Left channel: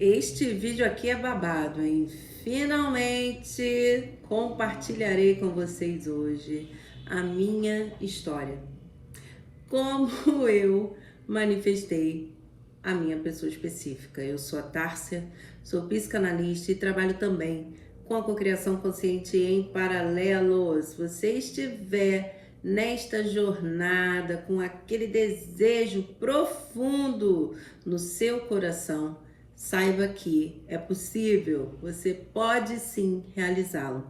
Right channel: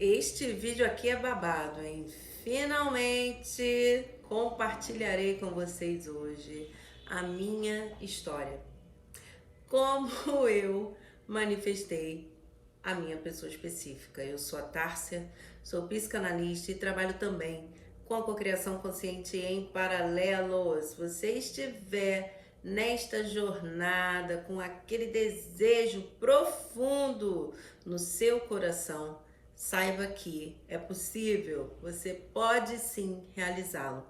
Este vídeo aqui é babado, hein? Finalmente compartilharei com vocês hoje a minha história. Como eu manifestei a minha pessoa específica. Eu sou a Tárcia, sou psicanalista e trabalho também com a cocriação consciente em paralelo. Se você estiver nesta jornada com aquele desejo profundo no seu coração, saiba que é possível, você pode sim realizá-lo.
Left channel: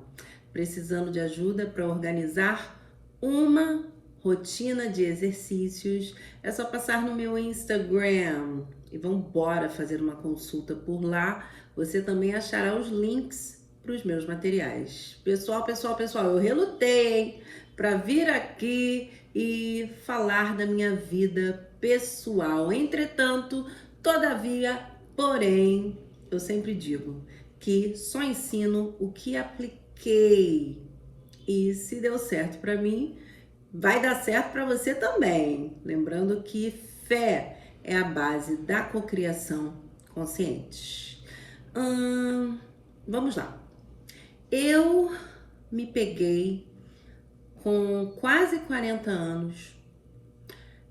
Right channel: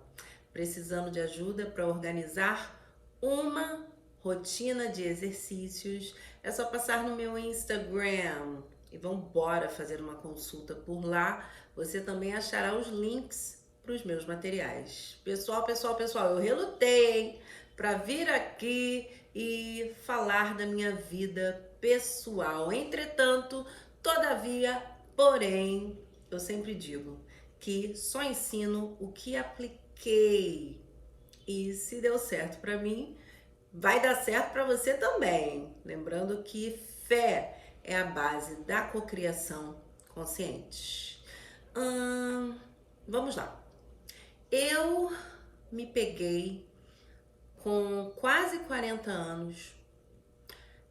Precisando de ajuda para organizar uma rotina de exercícios, é só passar no meu Instagram e vamos embora fazer uma consulta por lá. Você também achará os links para os meus materiais. Pessoal, eu relutei para vir aqui e falar da minha vida pessoal. Entretanto, todavia, porém, eu sempre digo que só ensino o que apliquei. E se deu certo para mim, vai dar certo para você também. Lembrando que fé é a base da cocriação consciente. Vamos lá. Eu me peguei com quase 40 anos,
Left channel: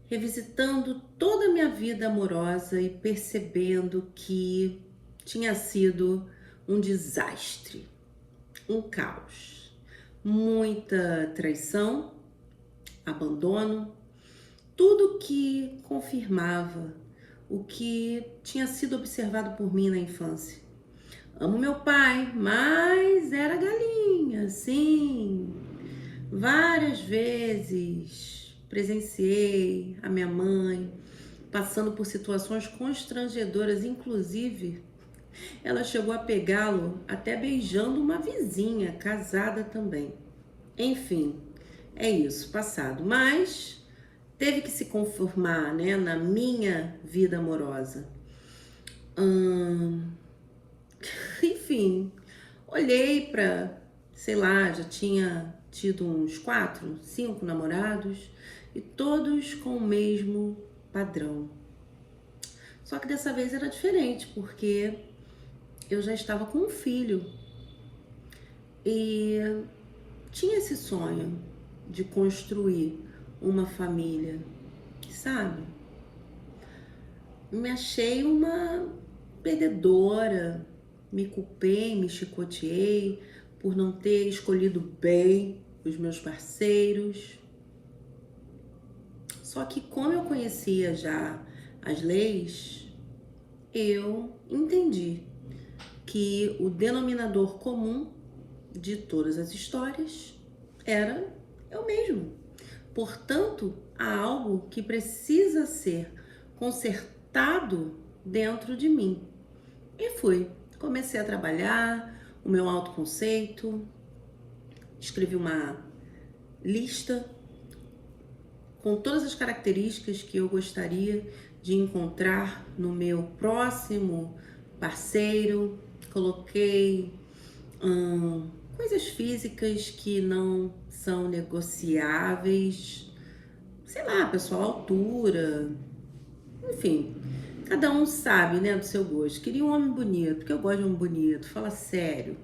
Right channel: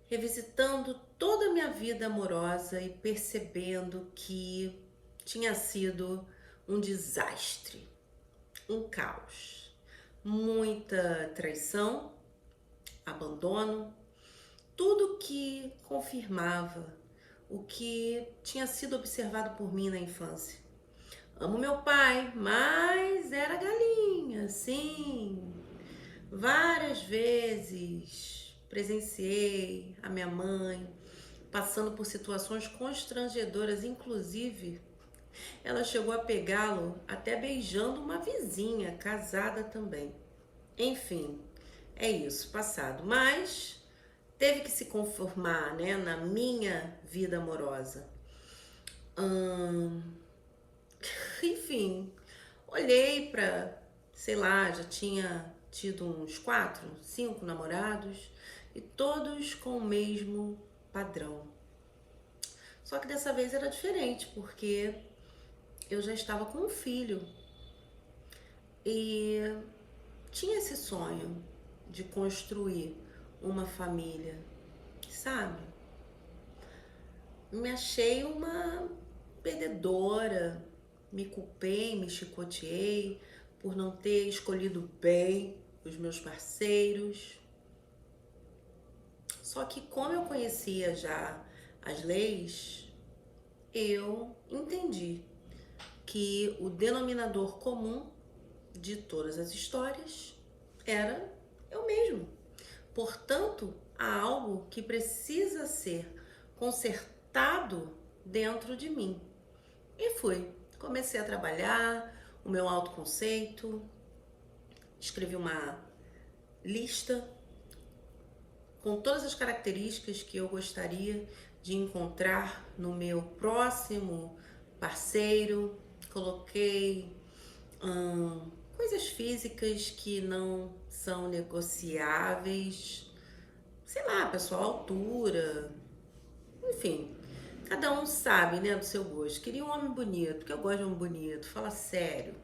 revisitando toda a minha vida amorosa e percebendo que tinha sido um desastre, um caos, muita traição, abandono, tudo que confirmava o que tinha sido observado por mim na infância. Amo meu pai, mas era galinha, sim. Várias vezes presenciei a minha mãe passando por situações constrangedoras, inclusive ela chegou a pegá-lo até beijando uma vizinha, casada também. Enfim, é isso, passado. Mas teve que se conformar, né, na minha vida amorosa. Enfim, olhei pra, sei lá, já tinha tido uns 4, 5 namorados e todos com o mesmo padrão. Só que dessa vez era diferente, porque eu já estava com um filho e tinha esse sonho de construir uma família, sabe? Me achei uma perdedora, me culpei, me chicoteei por não ter escolhido bem os meus parceiros. Só que como eu conhecia já as leis, eu entendi que o denominador comum de todas as histórias era eu mesmo. Portanto, há algo que precisa ser consertado dentro de mim. E comecei a trabalhar o meu autoconceito, escrevi uma lista com todas as características que eu gostaria de encontrar no meu próximo parceiro. Coloquei coisas físicas que não são negociáveis, sei lá, pessoal, altura, enfim, cada um sabe, né, do seu gosto. Queria um homem bonito, porque eu gosto de um homem bonito, fala sério.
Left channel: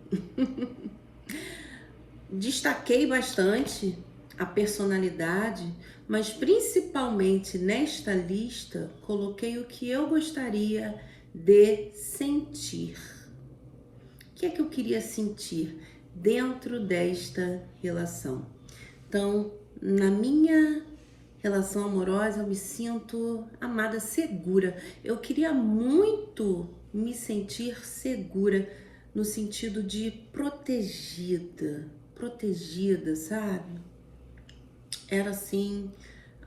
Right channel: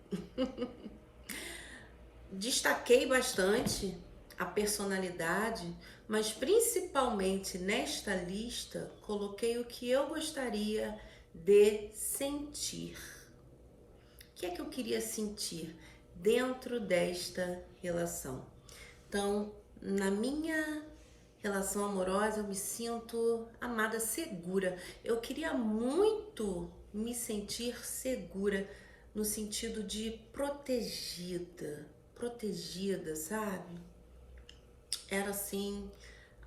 Destaquei bastante a personalidade, mas principalmente nesta lista coloquei o que eu gostaria de sentir. O que é que eu queria sentir dentro desta relação? Então, na minha relação amorosa, eu me sinto amada, segura. Eu queria muito me sentir segura no sentido de protegida, sabe? Era assim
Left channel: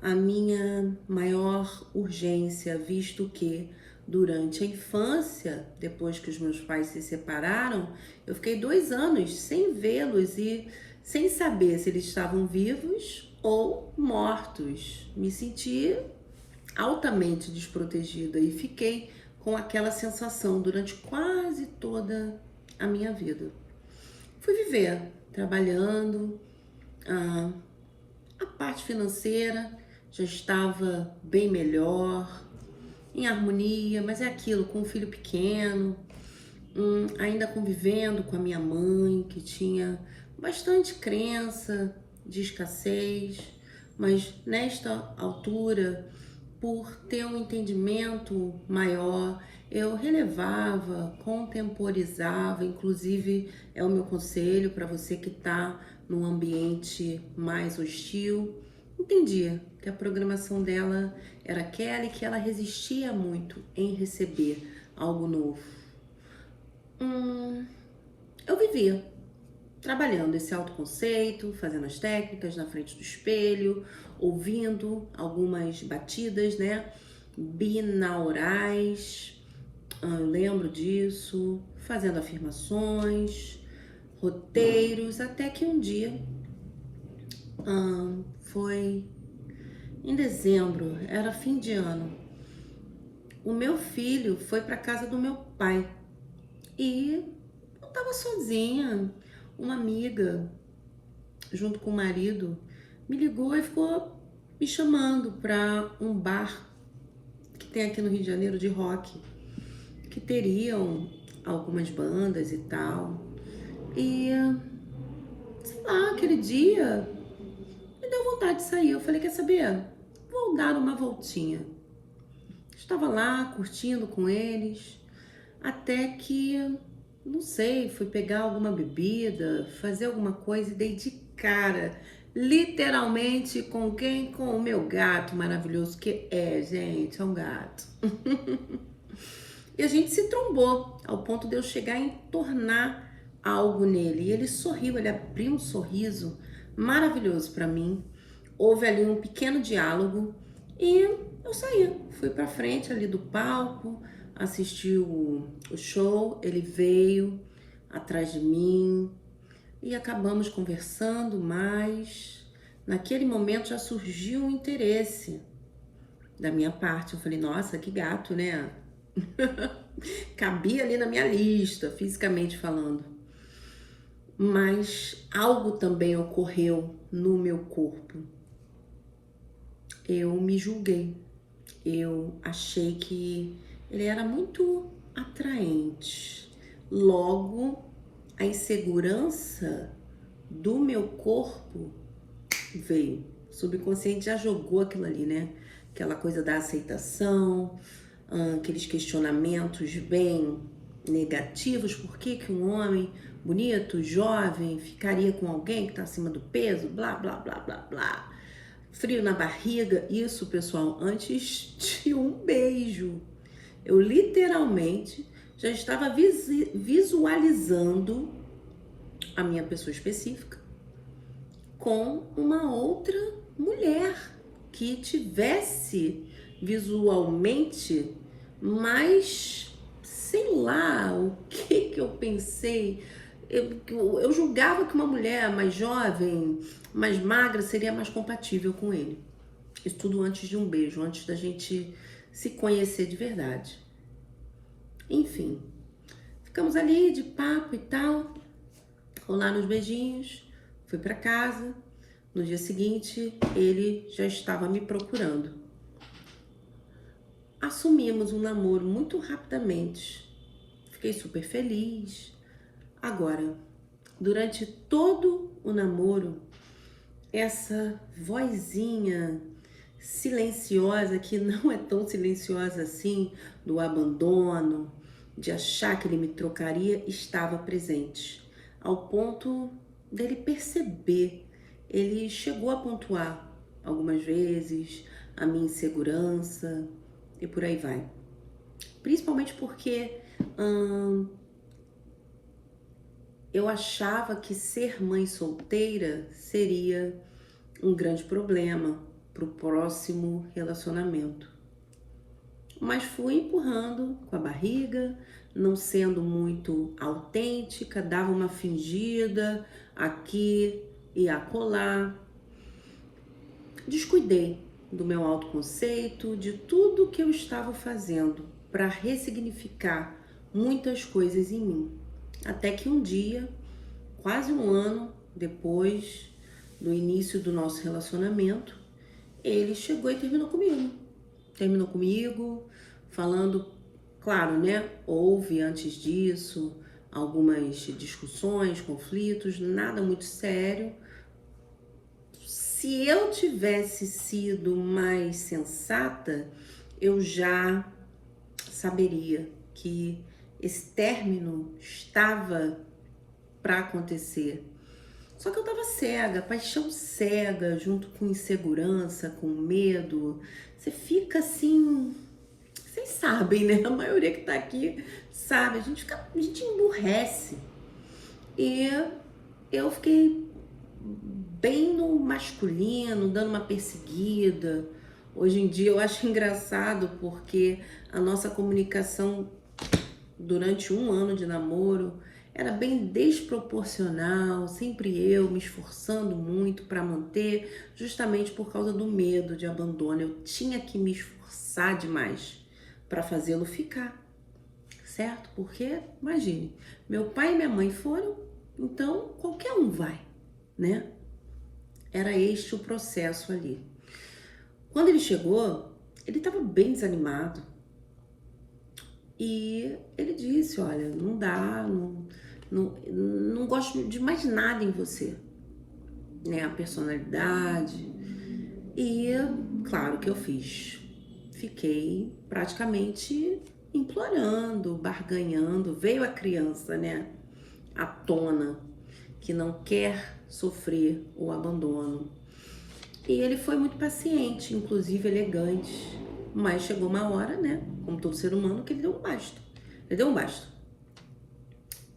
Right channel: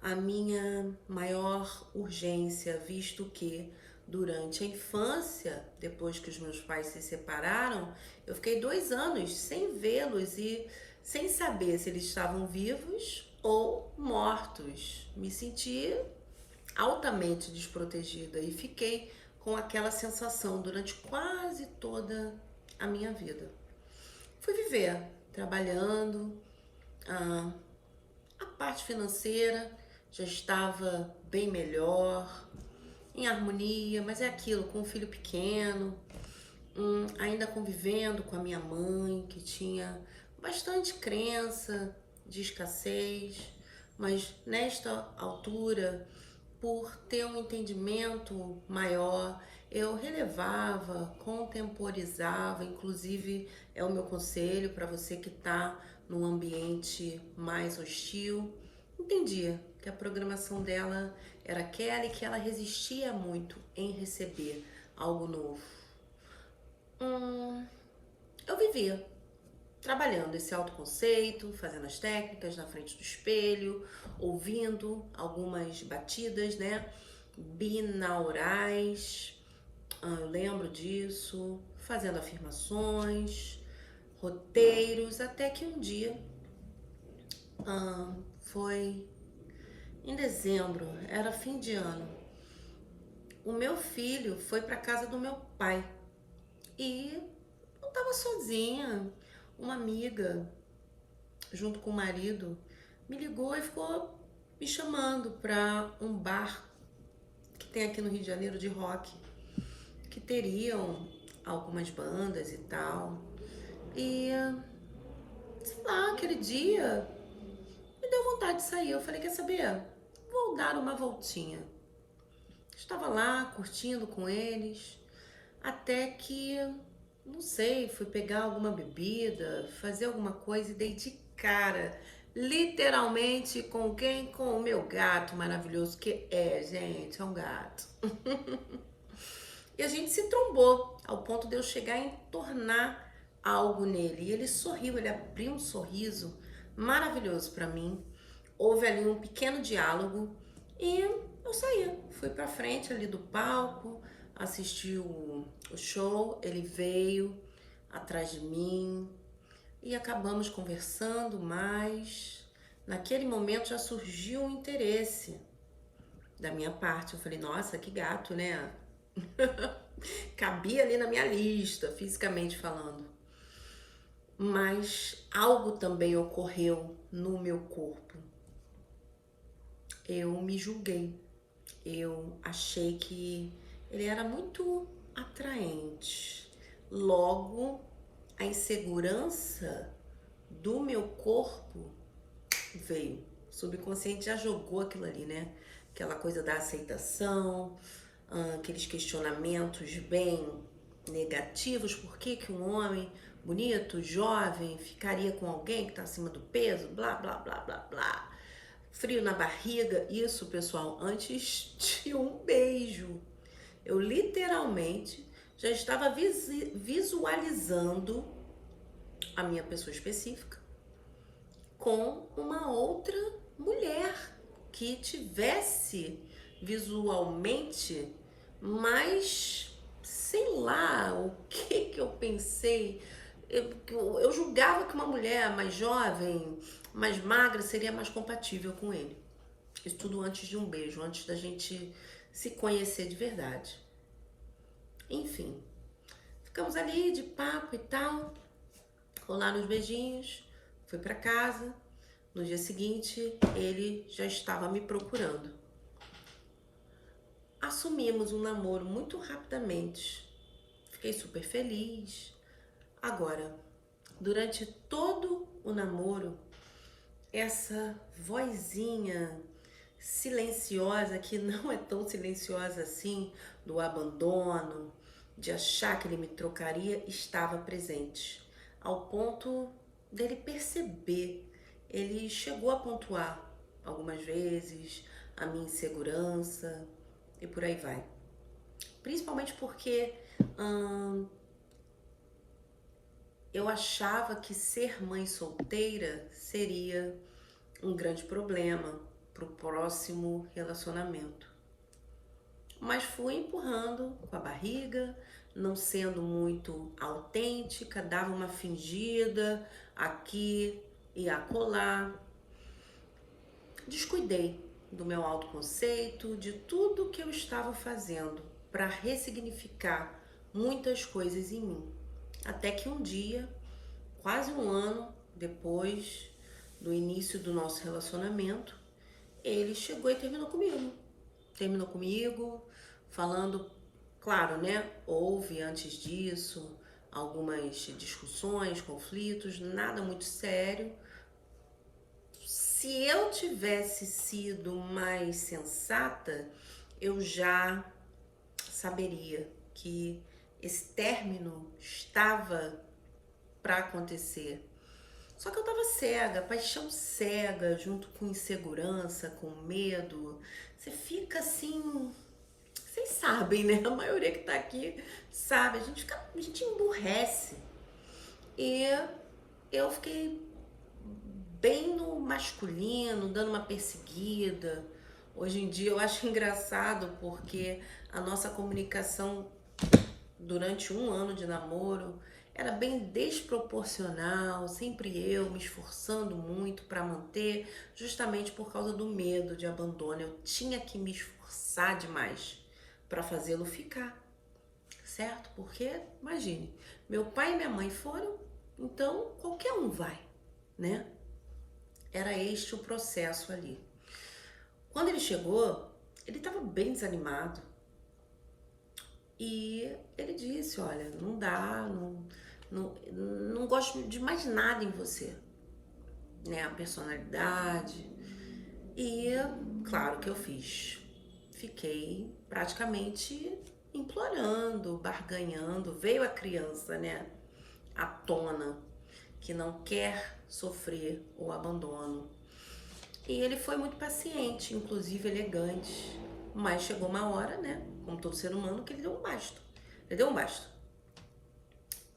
a minha maior urgência, visto que durante a infância, depois que os meus pais se separaram, eu fiquei 2 anos sem vê-los e sem saber se eles estavam vivos ou mortos. Me senti altamente desprotegida e fiquei com aquela sensação durante quase toda a minha vida. Fui viver trabalhando, a parte financeira já estava bem melhor, em harmonia, mas é aquilo, com um filho pequeno, ainda convivendo com a minha mãe, que tinha bastante crença de escassez, mas nesta altura, por ter um entendimento maior, eu relevava, contemporizava, inclusive é o meu conselho para você que está num ambiente mais hostil, entendia que a programação dela era aquela e que ela resistia muito em receber algo novo. Eu vivia trabalhando esse autoconceito, fazendo as técnicas na frente do espelho, ouvindo algumas batidas, né, binaurais, eu lembro disso, fazendo afirmações, roteiros, até que um dia, foi em dezembro, era fim de ano, o meu filho foi para casa do meu pai e eu tava sozinha. Uma amiga, junto com o marido, me ligou e ficou me chamando para um bar que tem aqui no Rio de Janeiro de rock, que teriam algumas bandas e tal. E, sei lá, aquele dia me deu vontade de sair. Eu falei, quer saber? Vou dar uma voltinha. Estava lá curtindo com eles, até que, não sei, fui pegar alguma bebida, fazer alguma coisa e dei de cara, literalmente, com quem? Com o meu gato maravilhoso, que é, gente, é um gato. E a gente se trombou, ao ponto de eu chegar a entornar algo nele. E ele sorriu, ele abriu um sorriso maravilhoso para mim. Houve ali um pequeno diálogo e eu saí. Fui pra frente ali do palco, assisti o show, ele veio atrás de mim e acabamos conversando, mas naquele momento já surgiu um interesse da minha parte. Eu falei, nossa, que gato, né? Cabia ali na minha lista, fisicamente falando. Mas algo também ocorreu no meu corpo. Eu me julguei. Eu achei que ele era muito atraente. Logo, a insegurança do meu corpo veio. O subconsciente já jogou aquilo ali, né? Aquela coisa da aceitação, aqueles questionamentos bem negativos. Por que que um homem bonito, jovem, ficaria com alguém que tá acima do peso? Blá, blá, blá, blá, blá. Frio na barriga. Isso, pessoal, antes de um beijo. Eu literalmente já estava visualizando a minha pessoa específica com uma outra mulher que tivesse visualmente, mas sei lá o que eu pensei. Eu julgava que uma mulher mais jovem, mais magra, seria mais compatível com ele. Isso tudo antes de um beijo, antes da gente se conhecer de verdade. Enfim, ficamos ali de papo e tal, rolaram os beijinhos, fui pra casa. No dia seguinte, ele já estava me procurando. Assumimos um namoro muito rapidamente. Fiquei super feliz. Agora, durante todo o namoro, essa vozinha silenciosa, que não é tão silenciosa assim, do abandono, de achar que ele me trocaria, estava presente, ao ponto dele perceber. Ele chegou a pontuar algumas vezes a minha insegurança e por aí vai. Principalmente porque eu achava que ser mãe solteira seria um grande problema para o próximo relacionamento. Mas fui empurrando com a barriga, não sendo muito autêntica, dava uma fingida aqui e acolá. Descuidei do meu autoconceito, de tudo que eu estava fazendo para ressignificar muitas coisas em mim. Até que um dia, quase um ano depois do início do nosso relacionamento, ele chegou e terminou comigo. falando, claro, né? Houve antes disso algumas discussões, conflitos, nada muito sério. Se eu tivesse sido mais sensata, eu já saberia que esse término estava para acontecer. Só que eu tava cega, paixão cega, junto com insegurança, com medo. Você fica assim, vocês sabem, né? A maioria que tá aqui sabe, a gente emburrece. E eu fiquei bem no masculino, dando uma perseguida. Hoje em dia eu acho engraçado porque a nossa comunicação durante um ano de namoro era bem desproporcional, sempre eu me esforçando muito para manter, justamente por causa do medo de abandono. Eu tinha que me esforçar demais para fazê-lo ficar, certo? Porque, imagine, meu pai e minha mãe foram, então qualquer um vai, né? Era este o processo ali. Quando ele chegou, ele estava bem desanimado. E ele disse, olha, não dá, não gosto de mais nada em você, né? A personalidade. E claro que eu fiz. Fiquei praticamente implorando, barganhando. Veio a criança, né? À tona, que não quer sofrer o abandono. E ele foi muito paciente, inclusive elegante. Mas chegou uma hora, né? Como todo ser humano, que ele deu um basta. Ele deu um basta.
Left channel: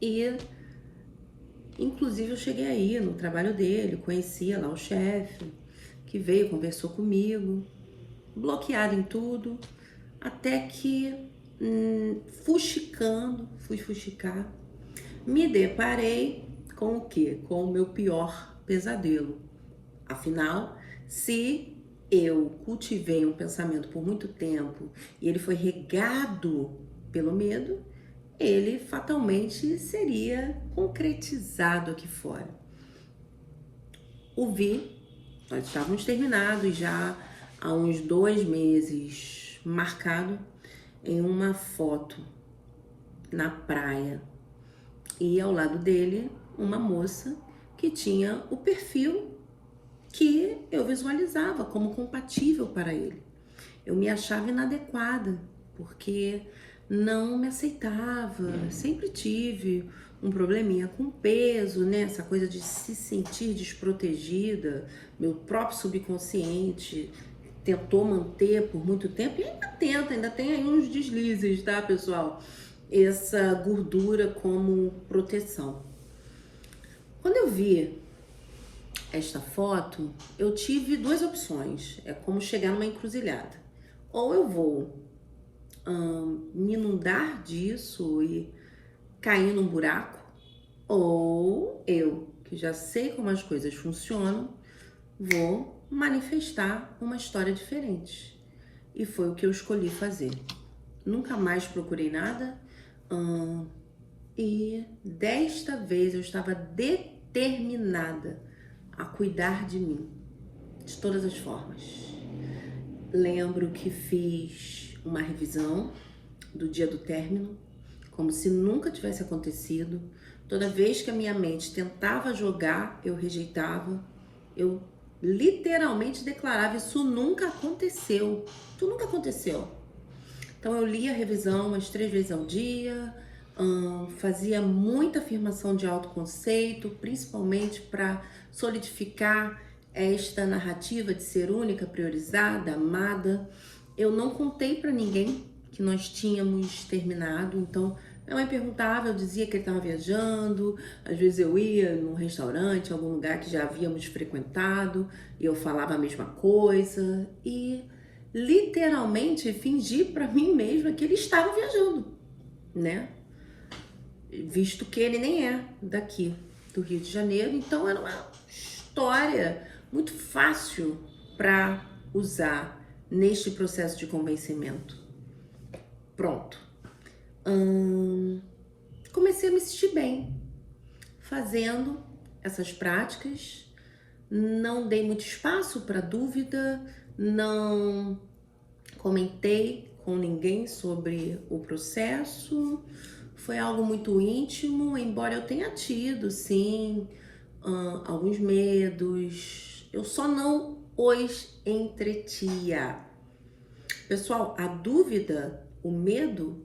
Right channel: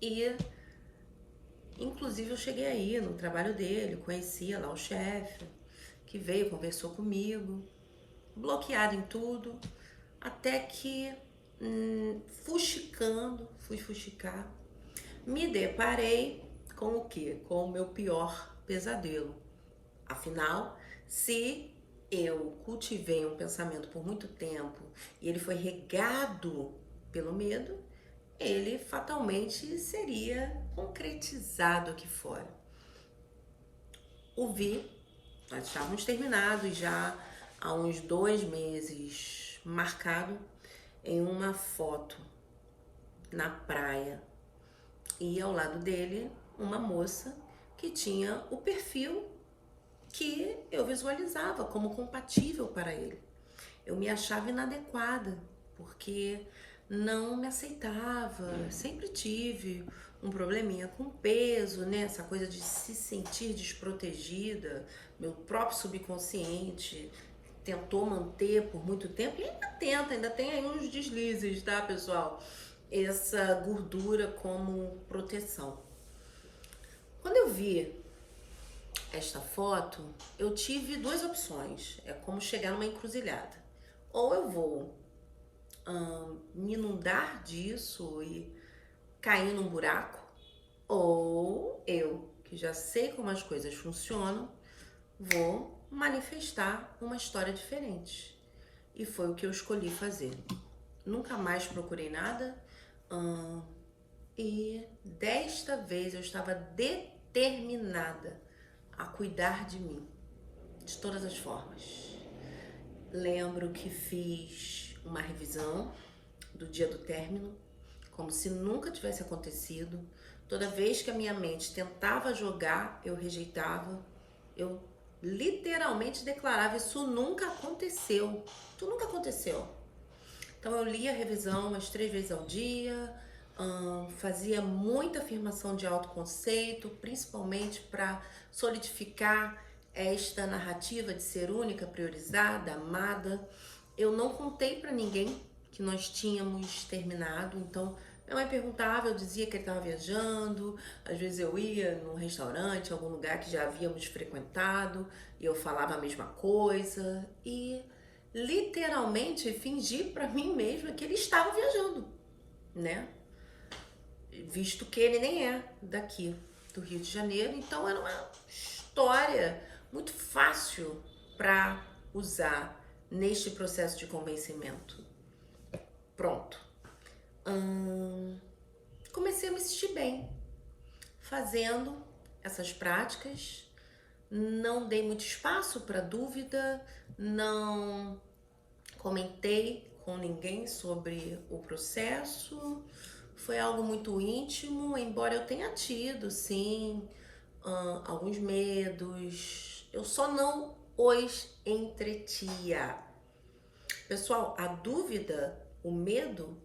E, inclusive, eu cheguei aí no trabalho dele, conhecia lá o chefe, que veio, conversou comigo, bloqueado em tudo, até que, fui fuxicar, me deparei com o quê? Com o meu pior pesadelo. Afinal, se eu cultivei um pensamento por muito tempo e ele foi regado pelo medo, ele fatalmente seria concretizado aqui fora. O Vi, nós estávamos terminados já há uns 2 meses, marcado em uma foto na praia. E ao lado dele, uma moça que tinha o perfil que eu visualizava como compatível para ele. Eu me achava inadequada, porque não me aceitava, sempre tive um probleminha com peso, né? Essa coisa de se sentir desprotegida, meu próprio subconsciente tentou manter por muito tempo, e ainda tenta, ainda tem aí uns deslizes, tá, pessoal? Essa gordura como proteção. Quando eu vi esta foto, eu tive 2 opções. É como chegar numa encruzilhada. Ou eu vou me inundar disso e cair num buraco, ou eu, que já sei como as coisas funcionam, vou manifestar uma história diferente. E foi o que eu escolhi fazer. Nunca mais procurei nada, e desta vez eu estava determinada a cuidar de mim, de todas as formas. Lembro que fiz uma revisão do dia do término, como se nunca tivesse acontecido. Toda vez que a minha mente tentava jogar, eu rejeitava. Eu literalmente declarava, isso nunca aconteceu. Isso nunca aconteceu. Então eu lia a revisão umas 3 vezes ao dia, fazia muita afirmação de autoconceito, principalmente para solidificar esta narrativa de ser única, priorizada, amada. Eu não contei para ninguém que nós tínhamos terminado, então minha mãe perguntava, eu dizia que ele estava viajando, às vezes eu ia num restaurante, algum lugar que já havíamos frequentado, e eu falava a mesma coisa, e literalmente fingi para mim mesma que ele estava viajando, né? Visto que ele nem é daqui do Rio de Janeiro, então era uma história muito fácil para usar neste processo de convencimento. Pronto. Comecei a me sentir bem fazendo essas práticas, não dei muito espaço para dúvida, não comentei com ninguém sobre o processo. Foi algo muito íntimo, embora eu tenha tido, sim, alguns medos. Eu só não os entretia. Pessoal, a dúvida, o medo,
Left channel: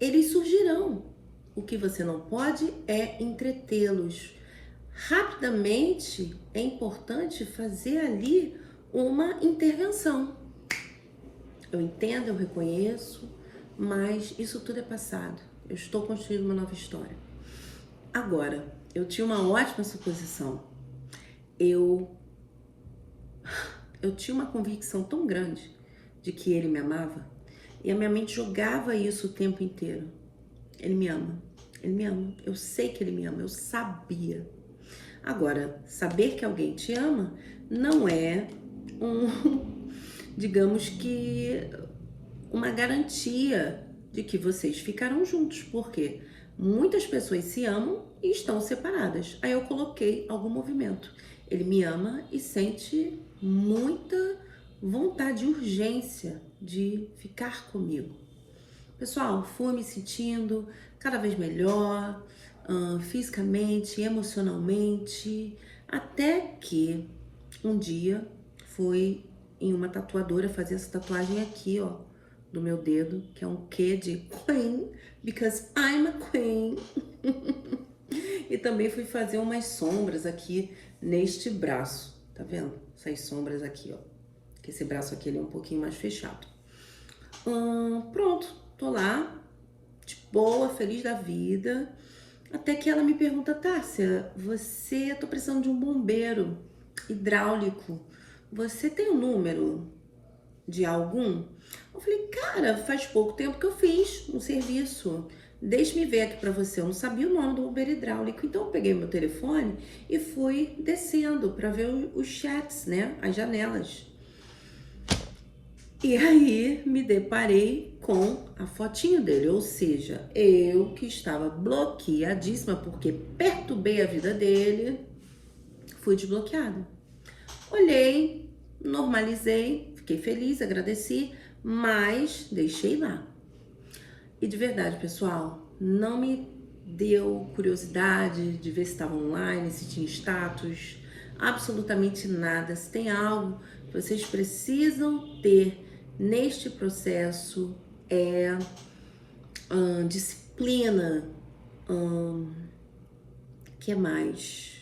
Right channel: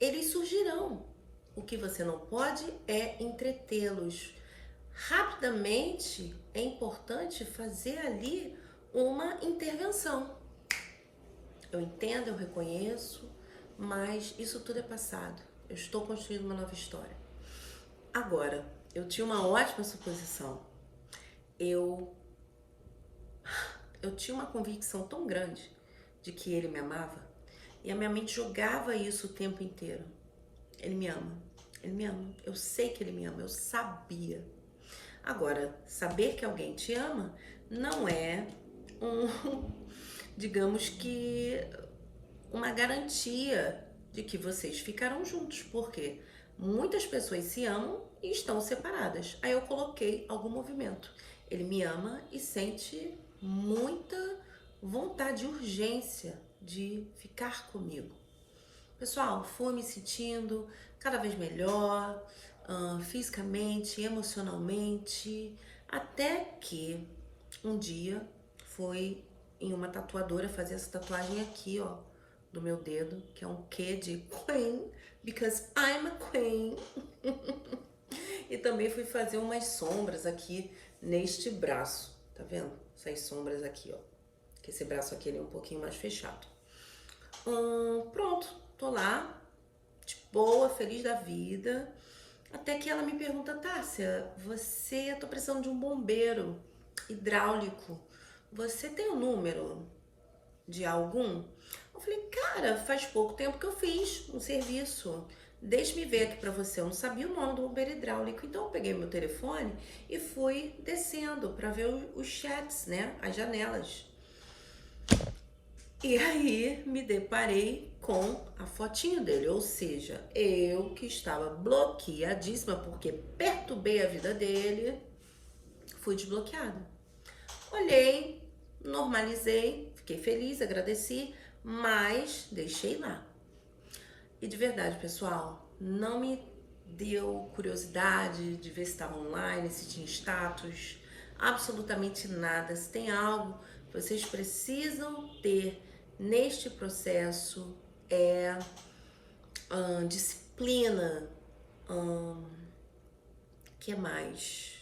eles surgirão. O que você não pode é entretê-los. Rapidamente é importante fazer ali uma intervenção. Eu entendo, eu reconheço, mas isso tudo é passado. Eu estou construindo uma nova história. Agora, eu tinha uma ótima suposição. Eu tinha uma convicção tão grande de que ele me amava, e a minha mente jogava isso o tempo inteiro. Ele me ama, eu sei que ele me ama, eu sabia. Agora, saber que alguém te ama não é digamos que, uma garantia de que vocês ficarão juntos, porque muitas pessoas se amam e estão separadas. Aí eu coloquei algum movimento. Ele me ama e sente muita vontade, urgência de ficar comigo. Pessoal, fui me sentindo cada vez melhor, fisicamente, emocionalmente, até que um dia fui em uma tatuadora fazer essa tatuagem aqui, ó, do meu dedo, que é um Q de Queen, because I'm a Queen. E também fui fazer umas sombras aqui neste braço, tá vendo? Essas sombras aqui, ó, que esse braço aqui ele é um pouquinho mais fechado. Pronto, tô lá, de boa, feliz da vida, até que ela me pergunta: Tássia, tô precisando de um bombeiro hidráulico, você tem o número de algum? Eu falei: cara, faz pouco tempo que eu fiz um serviço, deixe-me ver aqui pra você. Eu não sabia o nome do bombeiro hidráulico, então eu peguei meu telefone e fui descendo pra ver os chats, né, as janelas. E aí me deparei com a fotinho dele, ou seja, eu que estava bloqueadíssima porque perturbei a vida dele, fui desbloqueada. Olhei, normalizei, fiquei feliz, agradeci, mas deixei lá. E de verdade, pessoal, não me deu curiosidade de ver se estava online, se tinha status, absolutamente nada. Se tem algo que vocês precisam ter neste processo é disciplina, que mais?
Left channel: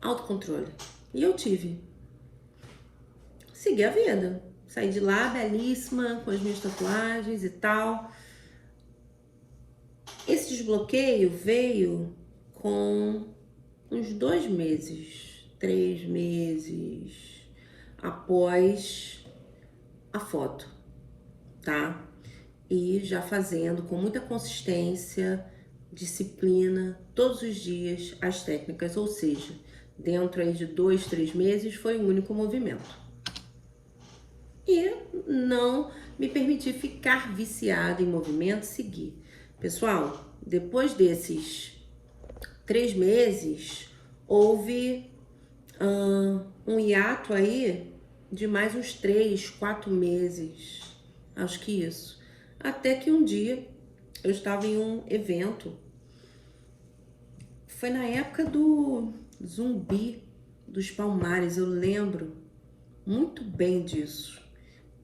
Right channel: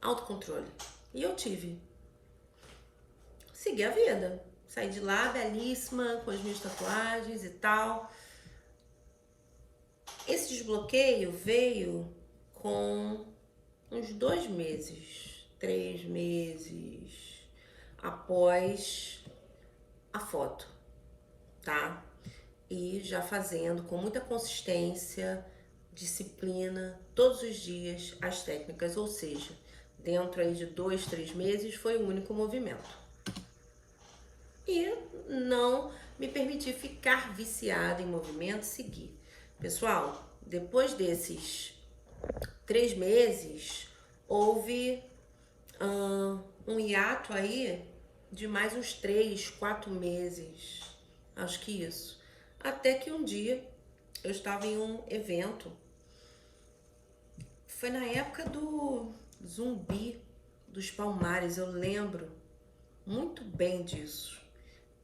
Autocontrole. E eu tive. Segui a vida. Saí de lá belíssima, com as minhas tatuagens e tal. Esse desbloqueio veio com uns 2 meses, 3 meses após a foto, tá? E já fazendo com muita consistência, disciplina, todos os dias as técnicas, ou seja, dentro aí de 2, 3 meses foi um único movimento. E não me permiti ficar viciado em movimento, seguir. Pessoal, depois desses 3 meses, houve um hiato aí de mais uns 3, 4 meses, acho que isso. Até que um dia eu estava em um evento, foi na época do Zumbi dos Palmares, eu lembro muito bem disso.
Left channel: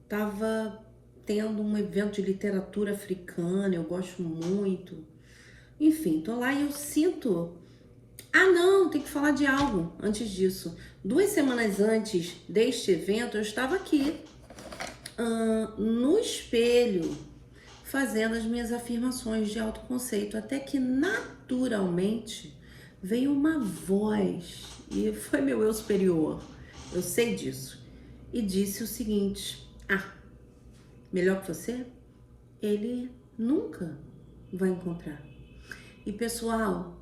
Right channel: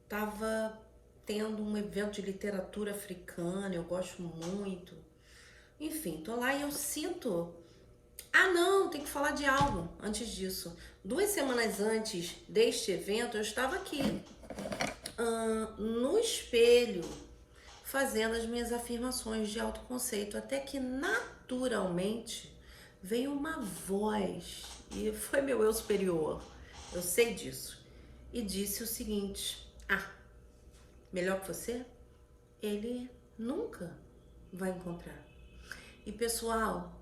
Tava tendo um evento de literatura africana, eu gosto muito. Enfim, tô lá e eu sinto... Ah, não, tem que falar de algo antes disso. 2 semanas antes deste evento, eu estava aqui, no espelho, fazendo as minhas afirmações de autoconceito, até que naturalmente veio uma voz, e foi meu eu superior, eu sei disso, e disse o seguinte: melhor que você, ele nunca vai encontrar. E pessoal,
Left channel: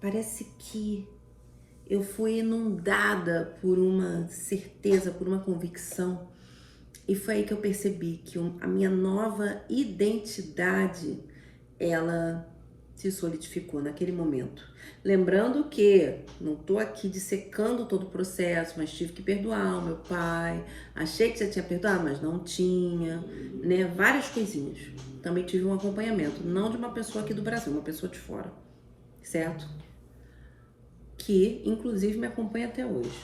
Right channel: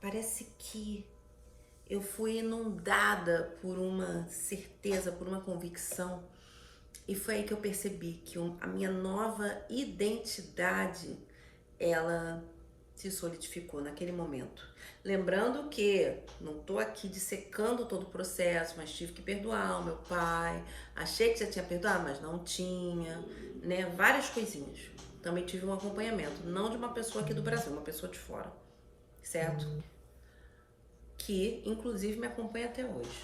parece que eu fui inundada por uma certeza, por uma convicção, e foi aí que eu percebi que a minha nova identidade, ela se solidificou naquele momento. Lembrando que não tô aqui dissecando todo o processo, mas tive que perdoar o meu pai. Achei que já tinha perdoado, mas não tinha, né? Várias coisinhas. Também tive um acompanhamento, não de uma pessoa aqui do Brasil, uma pessoa de fora, certo? Que, inclusive, me acompanha até hoje.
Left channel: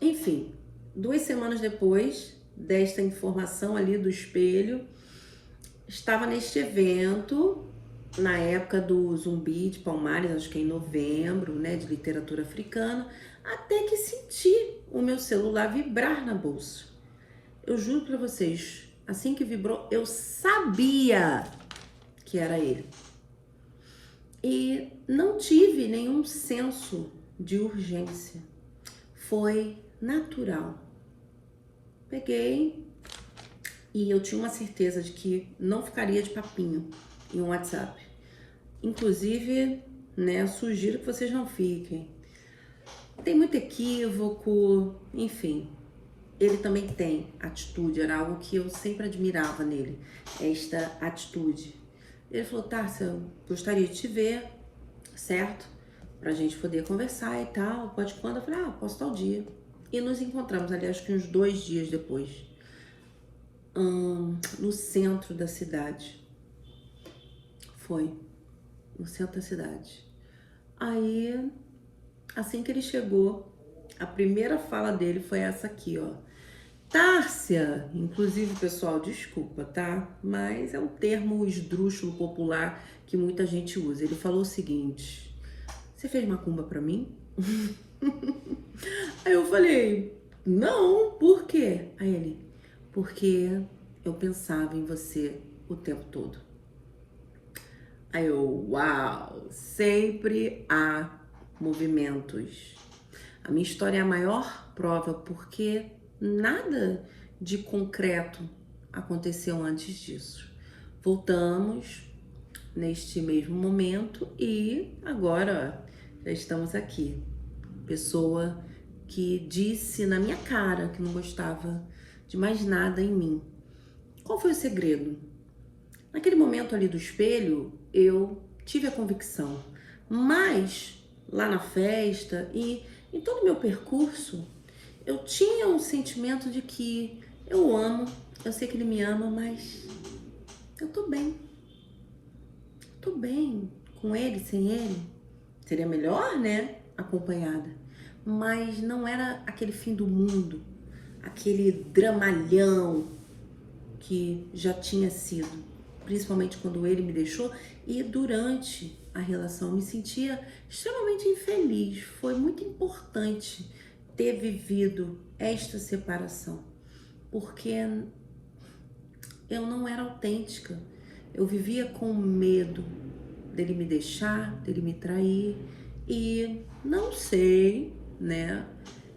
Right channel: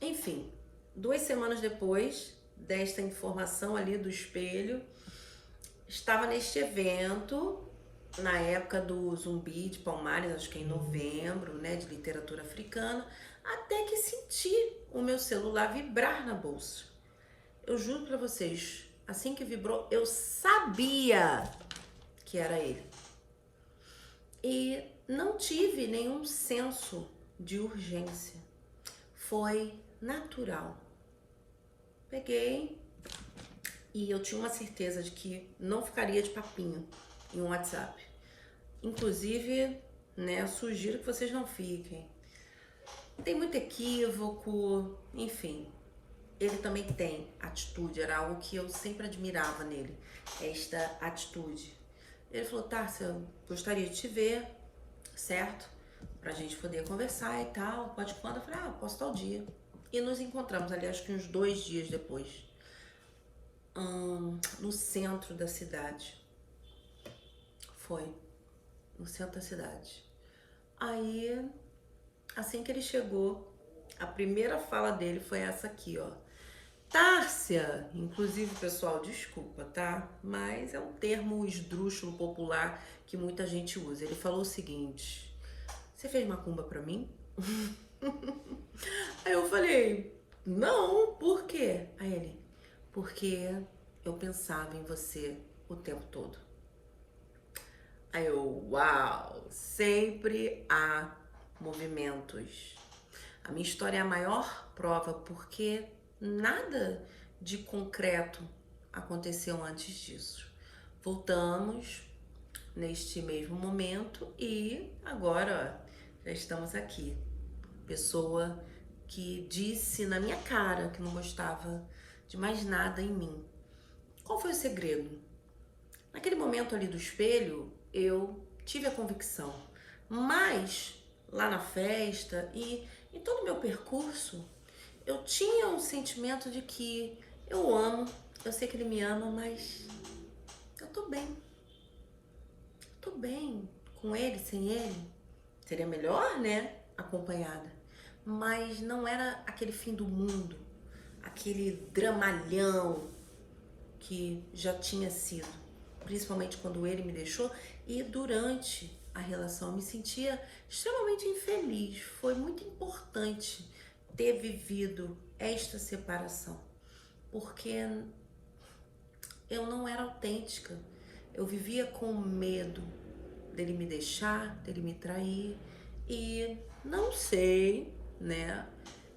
Enfim, 2 semanas depois desta informação ali do espelho, estava neste evento, na época do Zumbi de Palmares, acho que em novembro, né, de literatura africana, até que senti o meu celular vibrar na bolsa. Eu juro pra vocês, assim que vibrou, eu sabia que era ele. E não tive nenhum senso de urgência. Foi natural. Peguei e eu tinha uma certeza de que não ficaria de papinho em um WhatsApp. Inclusive, né, sugiro que vocês não fiquem. Tem muito equívoco, enfim. Ele também tem atitude, era algo que eu sempre admirava nele, esta atitude. Ele falou, Tárcia, eu gostaria de te ver, certo? Pra gente poder conversar e tal, pode quando? Eu falei, posso tal dia. E nos encontramos ali, acho que uns 2 dias depois, no centro da cidade. Foi, no centro da cidade. Aí, assim que ele chegou, a primeira fala dele foi essa aqui, ó. Tárcia, inclusive, pessoal, desculpa, tá? Mas é um termo esdrúxulo popular que muita gente usa. Ele falou o seguinte, você fez macumba pra mim? Aí eu falei, não, por quê? Aí ele, porque eu pensava em você o tempo todo. Aí eu, uau, sempre há movimentos. A minha história é a maior prova, porque nada de concreto aconteceu antes disso. Voltamos neste mesmo momento e agora já estamos aqui. Pessoa que disse na minha cara que não gostava de mais nada em mim. Qual foi o segredo? Naquele momento ali do espelho, eu tive a convicção, mas lá na festa e em todo o meu percurso, eu tinha um sentimento de que eu amo, eu sei que ele me ama, mas eu tô bem. Tô bem com ele, sem ele. Seria melhor, né? Acompanhada. Mas não era aquele fim do mundo, aquele dramalhão que já tinha sido. Principalmente quando ele me deixou e durante a relação eu me sentia extremamente infeliz. Foi muito importante ter vivido esta separação, porque eu não era autêntica. Eu vivia com medo dele me deixar, dele me trair e não sei, né,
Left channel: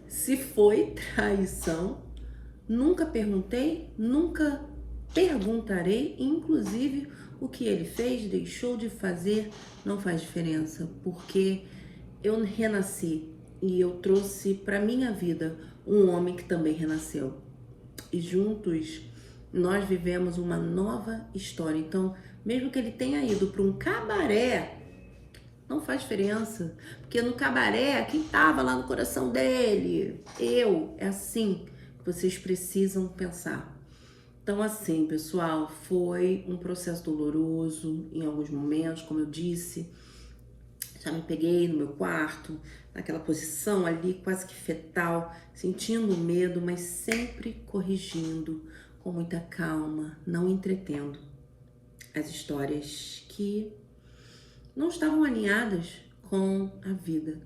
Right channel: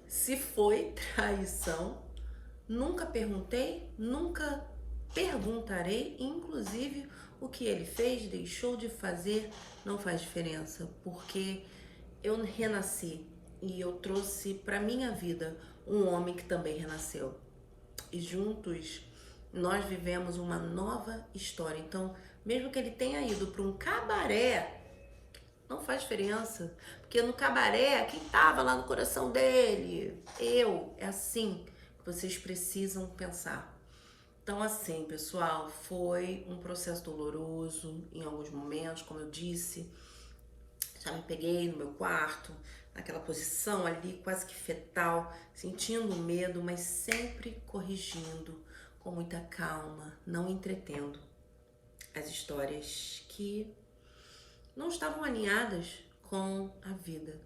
se foi traição. Nunca perguntei, nunca perguntarei, inclusive o que ele fez, deixou de fazer, não faz diferença, porque eu renasci e eu trouxe para minha vida um homem que também renasceu. E juntos nós vivemos uma nova história. Então, mesmo que ele tenha ido para um cabaré, não faz diferença, porque no cabaré, quem estava lá no coração dele? Eu. É assim que vocês precisam pensar. Então, assim, pessoal, foi um processo doloroso em alguns momentos, como eu disse. Já me peguei no meu quarto, naquela posição ali, quase que fetal, sentindo medo, mas sempre corrigindo, com muita calma, não entretendo as histórias que não estavam alinhadas com a vida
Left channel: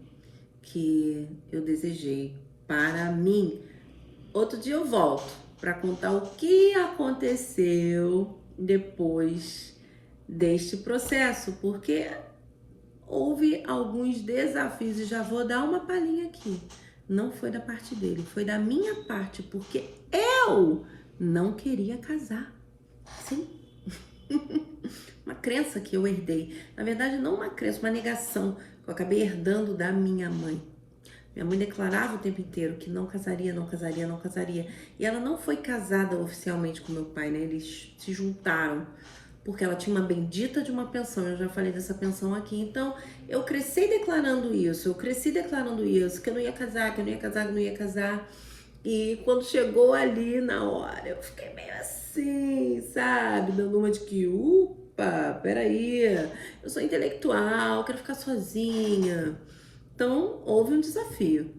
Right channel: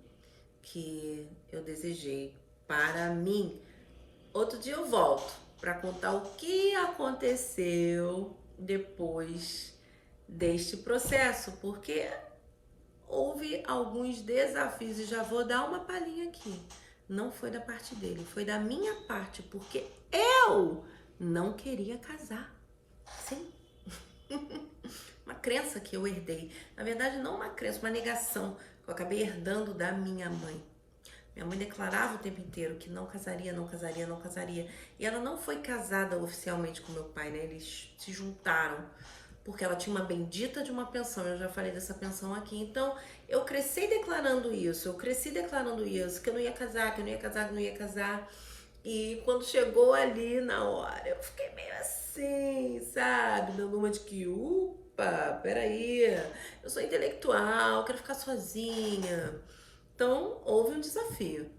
que eu desejei para mim. Outro dia eu volto para contar o que aconteceu depois deste processo, porque houve alguns desafios e já vou dar uma palhinha aqui. Não foi da parte dele, foi da minha parte, porque eu não queria casar. Sim. Uma crença que eu herdei. Na verdade, não uma crença, uma negação que eu acabei herdando da minha mãe. Minha mãe declarava o tempo inteiro que não casaria, não casaria, não casaria. E ela não foi casada oficialmente com meu pai, né? Eles se juntaram porque ela tinha uma bendita de uma pensão, eu já falei dessa pensão aqui. Então, eu cresci declarando isso, que eu não ia casar, que eu não ia casar, que eu não ia casar. E quando chegou ali na hora, eu fiquei meio assim, sabe? Dando uma de que, peraí, eu sou intelectual, quero ficar sozinha. Então, houve um desafio.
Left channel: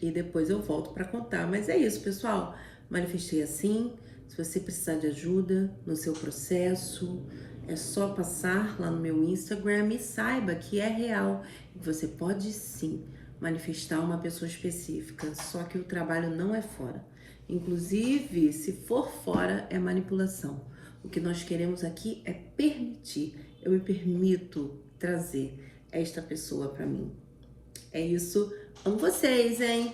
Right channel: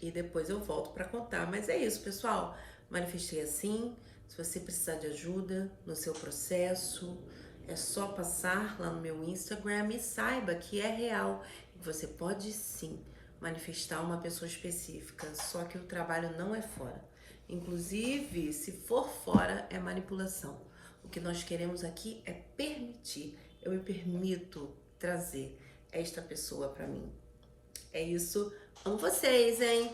E depois eu volto para contar. Mas é isso, pessoal. Manifestei assim. Se você precisar de ajuda no seu processo, é só passar lá no meu Instagram e saiba que é real. Você pode sim manifestar uma pessoa específica, só que o trabalho não é fora. Inclusive, se for fora, é manipulação. O que nós queremos aqui é permitir. Eu me permito trazer esta pessoa para mim. É isso. Amo vocês, hein?